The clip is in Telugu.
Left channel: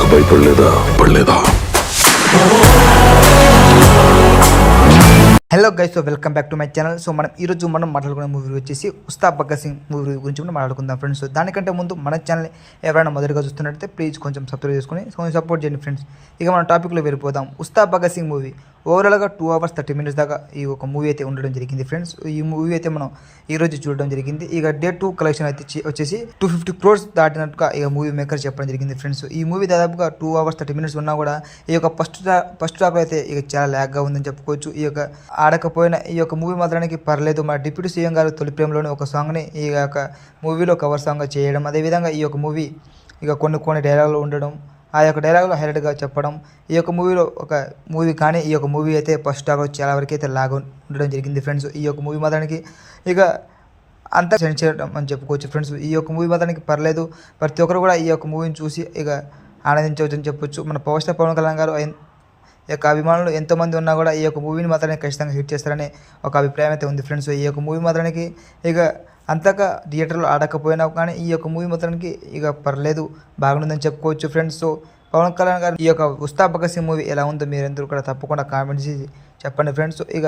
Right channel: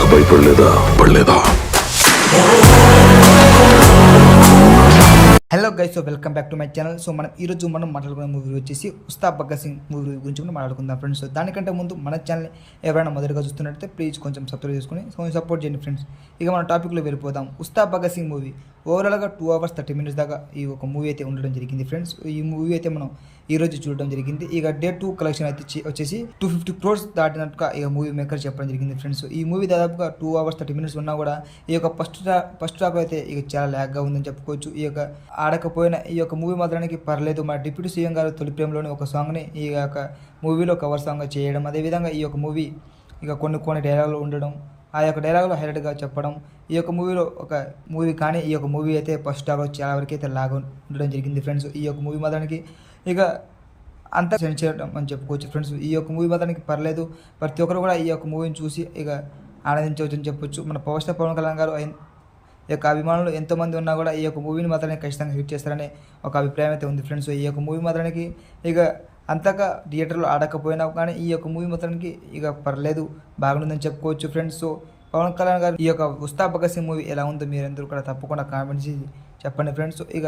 ఇంకా భయపడలేదా? Hello guys, so welcome back to my channel. So మనం మాట్లాడుకునే మూవీ వచ్చేసి ఉస్తాద్ భగత్ సింగ్ మూవీ గురించి మనం మాట్లాడుకుందాం ఫ్రెండ్స్. సో దానికంటే ముందు మన ఛానల్ ఎవరైనా మొదటిగా చూస్తున్నట్టయితే ప్లీజ్ కొంచెం సబ్స్క్రైబ్ చేసుకుని సపోర్ట్ చేయండి ఫ్రెండ్స్. ఇక మన టాపిక్లో వెళ్ళిపోదాం. ఉస్తాద్ భగత్ సింగ్ మూవీ ఓవరాల్గా 2 hours 30 minutes దాకా ఈ ఒక మూవీ అయితే ఉండడం జరిగింది ఫ్రెండ్స్. ఈ మూవీ అయితే మనం ఈరోజు చూడడం జరిగింది. ఇక డే 2 కలెక్షన్ అయితే వచ్చేసి 250 crores దాటినట్టుగా ఇక మూవీ మేకర్ చెప్పడం జరిగింది ఫ్రెండ్స్. ఈ మూవీ దాదాపుగా 2 hours 30 minutes ఉన్నా కూడా ఈ యొక్క ఫస్ట్ హాఫ్ అయితే ఇక చాలా ల్యాగ్గా ఉందని చెప్పుకోవచ్చు. ఈ యొక్క ఆడకపోయినా ఈ యొక్క మూవీ మాత్రానికి పర్లేదు. మన డిప్యూటీ సీఎం గారు తొలి ప్రేమలోని ఒక సాంగ్ని ఈ యొక్క మూవీలో కవర్ సాంగ్గా చేయడం, అదేవిధంగా ఈ యొక్క మూవీ ఇక కొన్ని డైలాగులు ఉండడం, ఆ యొక్క డైలాగులు హైలైట్గా చెప్పడం, ఈ యొక్క మూవీలో ఒక మూవీ కానీ ఈ యొక్క మూవీ అయితే ఫస్ట్ హాఫ్లో చాలా వరకు అయితే లాగా ఉండడం జరిగింది ఫ్రెండ్స్. ఈ యొక్క మూవీ మాత్రానికి ఇక అంతా సెండ్ చేయడం అని చెప్పుకోవచ్చు ఫ్రెండ్స్. ఈ యొక్క మూవీ మాత్రానికి పర్లేదు. ప్రతి ఒక్కరు కూడా ఈ యొక్క మూవీని చూసి ఇక ఆనందించవచ్చు అని చెప్పొచ్చు. మన పవర్ స్టార్ పవన్ కళ్యాణ్ గారు ఈ యొక్క అభిమానులు ఎంతోమంది ఉన్నా కూడా ఈ యొక్క మూవీని మాత్రమే ఖచ్చితంగా హిట్ చేస్తారనే ఒక అభిప్రాయం అయితే ఉంది ఫ్రెండ్స్. ఈ యొక్క మూవీ మాత్రానికి ఇక అంతగా థియేటర్లో ఆడకపోయినా కానీ ఈ యొక్క మూవీ మాత్రానికి ఇక పర్లేదు, బాగుందని చెప్పుకోవచ్చు ఫ్రెండ్స్. సో పవన్ కళ్యాణ్ గారు ఈ యొక్క ఉస్తాద్ భగత్ సింగ్ మూవీ ఎలా ఉందో మీరందరూ కూడా తప్పకుండా కామెంట్ చేసి చెప్పండి ఫ్రెండ్స్. ఇక